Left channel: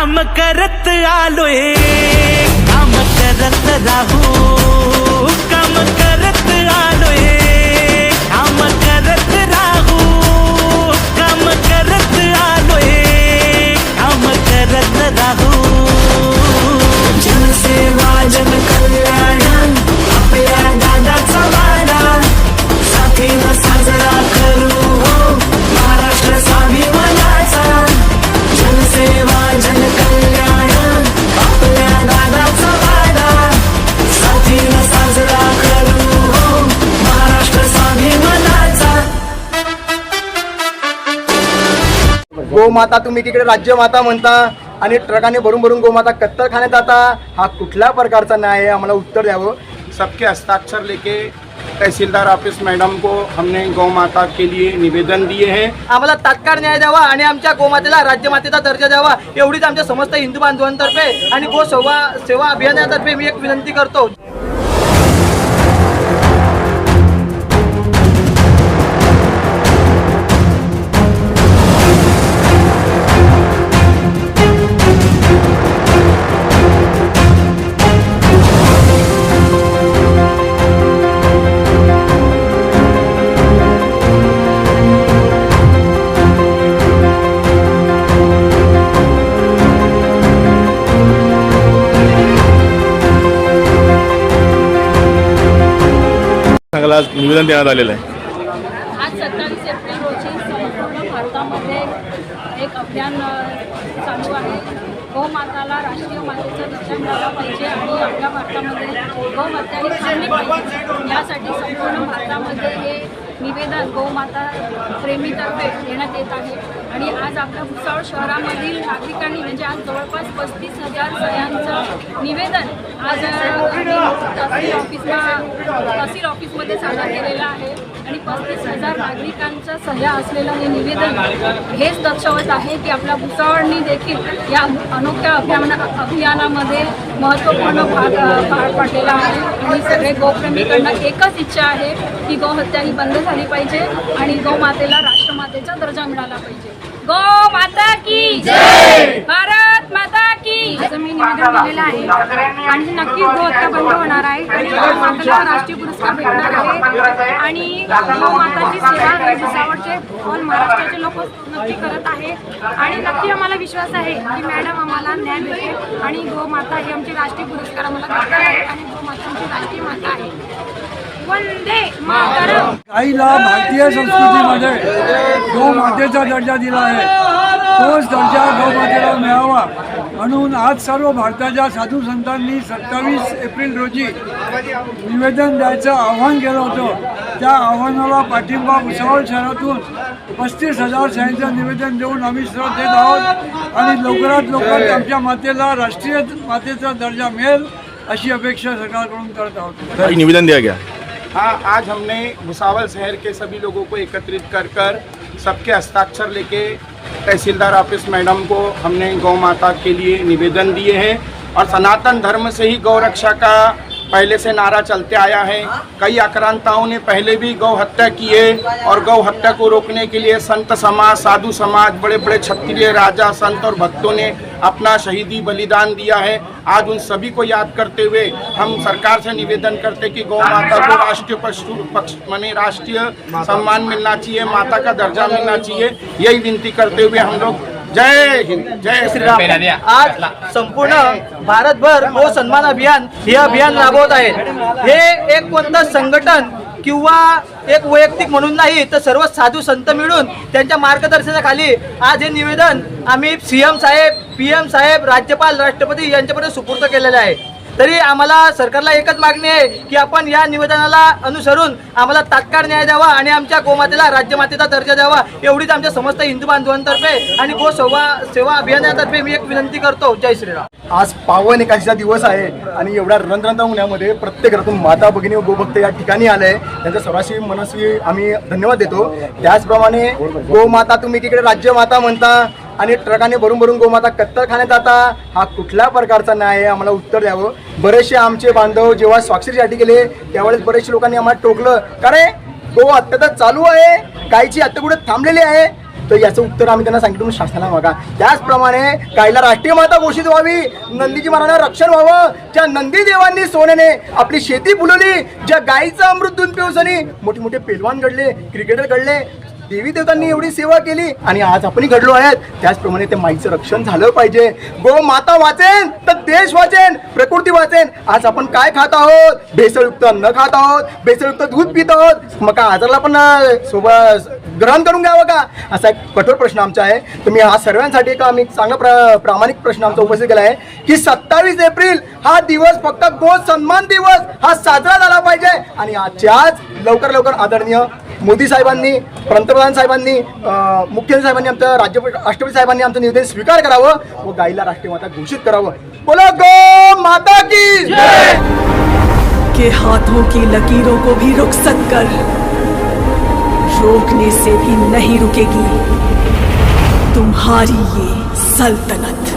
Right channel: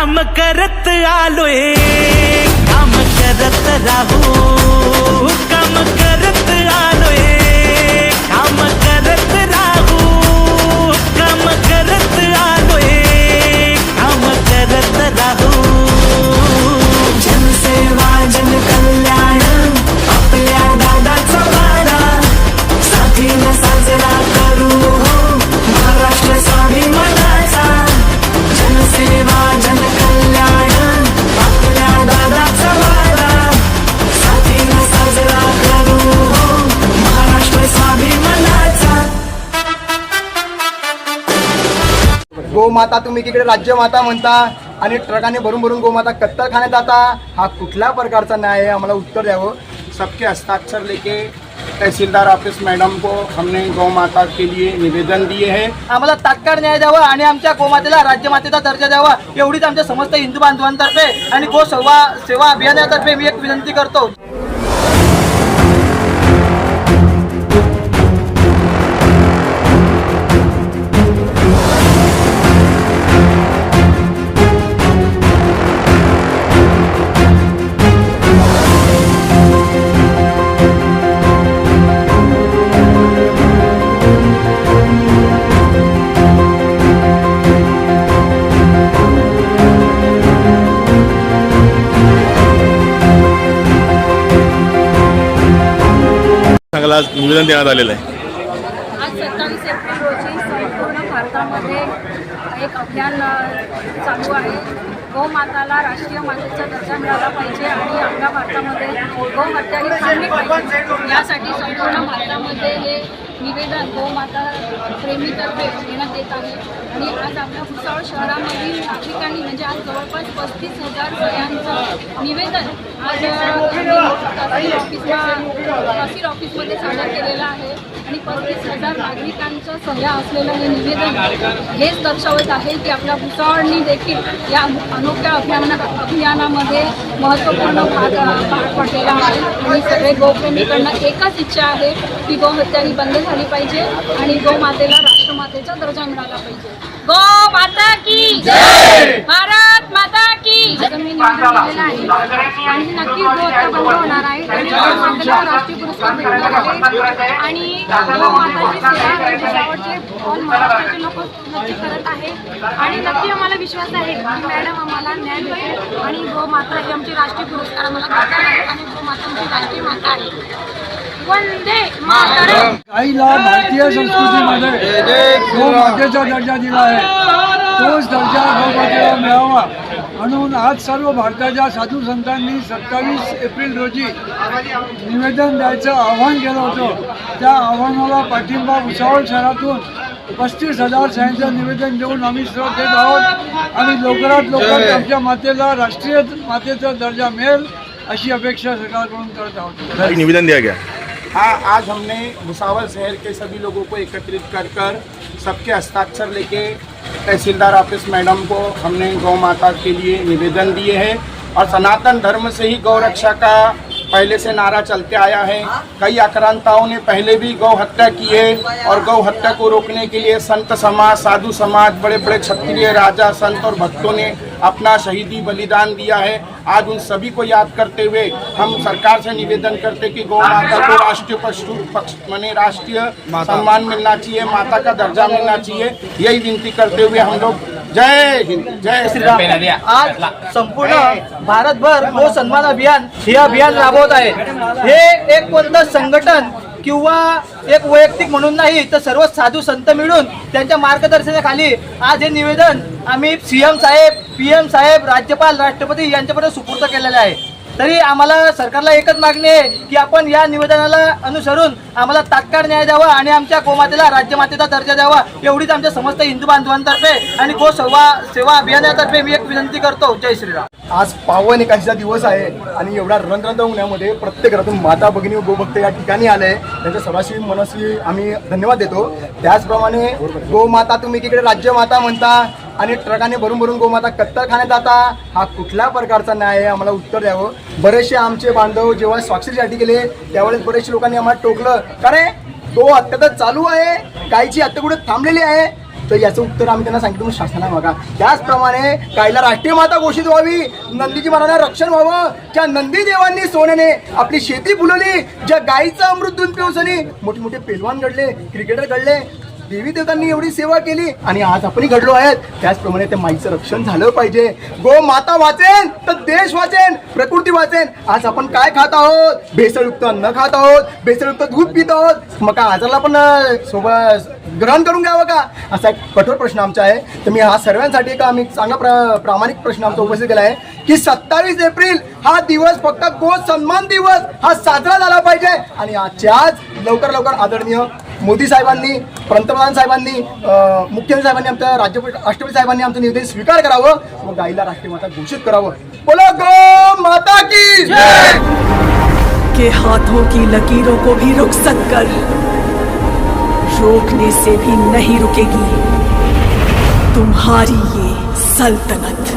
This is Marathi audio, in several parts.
काम करत आलोय, काम करत राहू, काम करत आलोय, काम करत राहू, काम करत आलोय, काम करत राहू. जनसेवा जनकल्याण आपल्या दादाचा वारा, साथीला साजरा करू हो महाराष्ट्र स्वाभिमानाचा. जनसेवा जनकल्याण आपल्या दादाचा वारा, साथीला साजरा करू हो महाराष्ट्र स्वाभिमानाचा. गोमाता तुम्ही तिकडे राज्यमाता म्हणता आणि ट्रकाने भरून भरून गोमाता कत्तलखान्यात जाता, हा कुठल्या प्रकारचा न्याय आहे? आम्हाला उत्तर द्यावं. सबके हस्ताक्षर लेके तहसीलदार ऑफिस मैडम को हमने गौ माता के लिए निवेदन दिए हैं. आम्हाला तात्काळ न्याय द्यावा आणि आमच्या गोमातेला राज्यमातेचा दर्जा द्यावा, एवढीच आमच्या समस्त हिंदू बांधवांतर्फे आणि गो सेवा अभियानातर्फे मी एक विनंती करतो. सांगायला आज निवेदन देण्यात आलेलं आहे. आज 27 एप्रिल रोजी संपूर्ण भारतामध्ये एक अभियान चालू आहे. गौमाताला राष्ट्रीय मातेचा दर्जा मिळाला पाहिजे आणि आपल्या भारतामध्ये गौहत्या ही थांबली पाहिजे, यासाठी संपूर्ण भारतामध्ये हे निवेदन गौमाता प्रेमीतर्फे देण्यात येत आहे. आणि आज आपल्या भुसावळ शहरामधील नागरिकांनी म्हणजे आज जवळपास 35,000 सह्यांचं निवेदन आज तहसील ऑफिसमध्ये सादर केलेलं आहे. आणि 35,000 नागरिकांच्या सह्या असलेलं हे निवेदन हेच दर्शवत आहे की आपल्या भुसावळनी देखील या अनोख्या अभियानामध्ये महत्त्वपूर्ण भाग पाडलेला आहे. आणि सगळे गोप्रेमीकडनं एकच इच्छा आहे की गोहत्या ही बंद झाली पाहिजे आणि गोमातेला राष्ट्रमातेचा दर्जा मिळाला पाहिजे. गो माता की जय, भारत माता की. आज मी निवेदन दिलेलं आहे आणि नक्कीच गोहत्या बंद होणार आहे आणि गोमातेला राष्ट्रीय पुरस्कार भेटणार आहे. आणि गोमाताची सेवा भुसावळचे ऑल महाराष्ट्राचे लोक नक्की करत आहे आणि नक्की आम्हाला विश्वास आहे की मॅडम आम्हाला न्याय भेटेल आणि गोमाता ही आमची राष्ट्रीय पुरस्कार आम्हाला भेटणार आहे आणि गोमाता आमची राष्ट्रीय माता आहे. वंदे मातरम. आईला भारतीय संस्कृतीमध्ये गौमातेचा दर्जा दिला आहे, तोच दर्जा गौमातेला मिळावा म्हणून आज सर्व भारताच्या साधू संतांनी 27 एप्रिल रोजी निवेदन द्यायचं आव्हान केलं होतं. त्या आव्हानाला पाठिंबा भुसावळ शहरातून 35,000 सह्यांचं निवेदन देऊन आम्ही सर्व देत आहोत आणि लवकरात लवकर आमच्या मातेला राष्ट्रीय मातेचा दर्जा मिळेल अशी अपेक्षा सरकारकडून करत आहोत. निवेदन दिया गया. हाँ, आज हमने भुसावल शहर के सभी लोगों को एकत्रित कर सबके हस्ताक्षर लेके तहसीलदार ऑफिस मैडम को हमने गौ माता के लिए निवेदन दिए हैं. और सनातन धर्म से ही गौ रक्षा का पहले से नारा चलते आया है. कई आक्रांताओं ने पहले भी गौ हत्या की है और गौ हत्या को रोकने के लिए संत समाज, साधु समाज, बड़े बड़े क्षत्रिय राजा, संत और भक्तों ने अपना शहीदी बलिदान दिया है. आज उन सभी को याद करते हुए हम सरकार से निवेदन करते कि गौ माता को राष्ट्रीय पक्ष माने राष्ट्रीय सम्मान मिलना चाहिए, माता का दर्जा मिलना चाहिए. यही विनती करते हुए हम लोग जय हिंद, जय श्री राम. आज संपूर्ण भारतभर गो सन्मान अभियान हे अभियान राबवत आहेत. हे एक कोणतं संघटन किंवा एक वैयक्तिक म्हणून नाही, तर सर्व साधू संत मिळून त्यांच्या मार्गदर्शनाखाली आज हे निवेदन आम्ही CM साहेब, PM साहेब, राज्यपाल, राष्ट्रपती यांच्यापर्यंत सुपूर्द केलेले आहे. तरी आम्हाला सरकारला एकच मागणी आहे की आपण या निवेदनाला अनुसरून आम्हाला तात्काळ न्याय द्यावा आणि आमच्या गोमातेला राज्यमातेचा दर्जा द्यावा, एवढीच आमच्या समस्त हिंदू बांधवांतर्फे आणि गो सेवा अभियानातर्फे मी एक विनंती करतो. जय श्रीराम. आज पावन एकादशीचा दिवस आहे आणि एवढ्या रणरणता उन्हामध्ये प्रत्येक घरातून माता भगिनी व गोभक्त या ठिकाणी आले, त्यांच्या सर्वांशी मनस्वी आम्ही धन्यवाद देतो. त्याचप्रमाणे गोमाता तुम्ही तिकडे राज्यमाता म्हणता आणि ट्रकाने भरून भरून गोमाता कत्तलखान्यात जाता, हा कुठल्या प्रकारचा न्याय आहे? आम्हाला उत्तर द्यावं. बरेचसे आमचे बांधव जेव्हा स्वाक्षरीसाठी गेले त्यावेळेस बरेचसे लोकांनी आम्हाला टोकलं, कारण गो हत्या तर चालू आहे, गायची हत्या कुठे थांबलेली आहे. तर याचं उत्तर आम्ही त्यांना सांगितलं शासनाला मागा. त्याचप्रमाणे गायीला राष्ट्रीय माता घोषित व्हावी, नंदीची महाराजांना रक्षण व्हावं. ज्या नंदी देवांनी सोन्याने आपली शेती फुलवली, ज्या गायीचं अमृत दूध पिवसनी मोठे मोठे पेलवान घडले, क्रिकेटर घडले, देवी देवतांनी एवढी सेवा केली आणि आज आपणही घडलो आहेत. त्याचप्रमाणे त्या माईचं रक्षण झालं पाहिजे. गो माता वाचेन तर देश वाचेन, प्रकृती वाचेन. आज आपण काय खात आहोत? भेसळयुक्त अन्न खात आहोत, भेसळयुक्त दूध पित आहोत. मग काय आजारला पण सोबत ग्रहण करून घ्यावं का? असा एक कठोर प्रश्न आमचा आहे. तर मी हा सर्वांसाठी एक आम्ही चांगला प्रामाणिक प्रश्न आमचा उपस्थित केला आहे की 27 एप्रिल हा दिवस फक्त गो सन्मान दिवस हा साजरा झाला पाहिजे. आणि आजच्या आज लवकर लवकर आदरणीय मोदी साहेबांनी, पंतप्रधान साहेबांनी, मुख्यमंत्री साहेबांनी, आमच्या राष्ट्रपती साहेबांनी आमचं निवेदन स्वीकार करावं व गायीला राष्ट्रीय माता घोषित करावं. बोलो गो माता की जय. के हाथों की लकीरों को भी रुखसत कर, रोकने से भी नहीं रुकेगी तुम्हारी ये सल्तनत.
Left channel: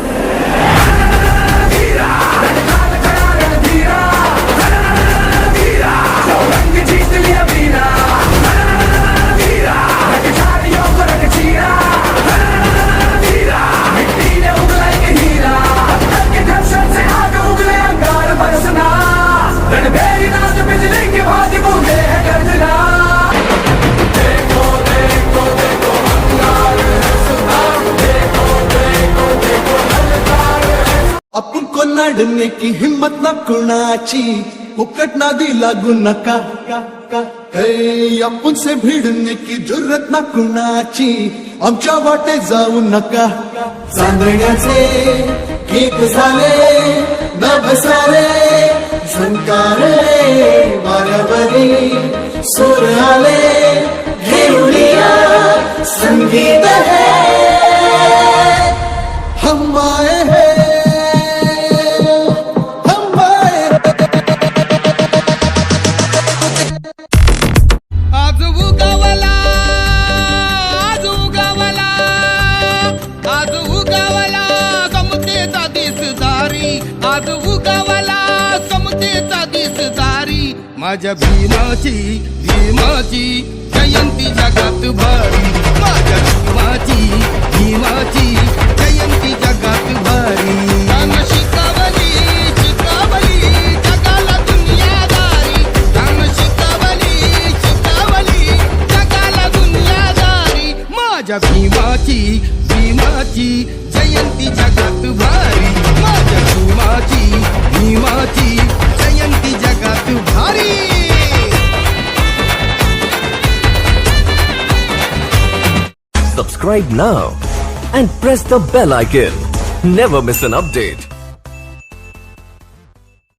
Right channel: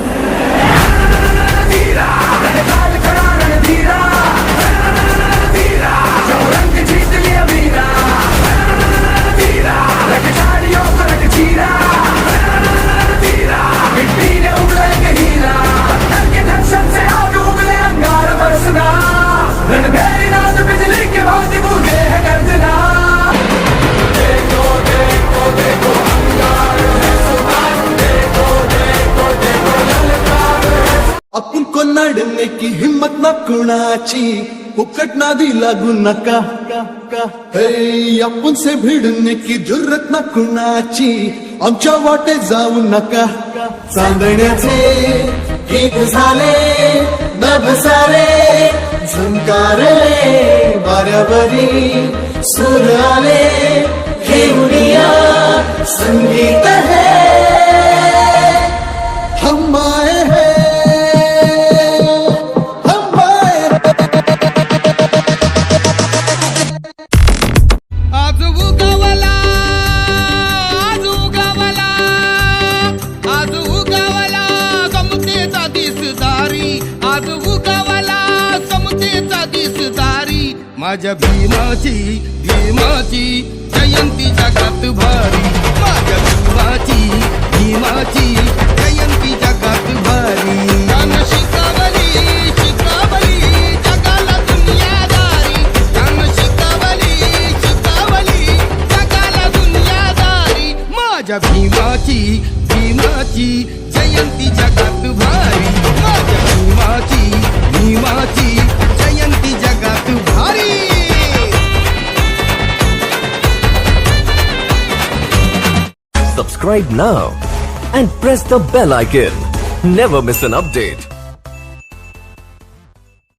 आपण को नाडणे की हिम्मत ना कुणाची, फुकट नादी लागू नका. हे आपण से भिडणे की जुर्रत ना कुणाची, आमच्या वाटे जाऊ नका. चांदण्याचे गीत झाले नभ सारे, झंकारले वाऱ्यावरी सूर आले. घेऊया संगीत है हम आए हैं. माझ्या भीमाची जयंती जगात भारी. माझ्या भीमाची जयंती जगात भारी. तान शिकवली जगाला दुनियादारी. तान शिकवली जगाला दुनियादारी. माझ्या भीमाची जयंती जगात भारी. माझ्या भीमाची जयंती जगात भारी. Subscribe now and press the bell icon. Never miss an update.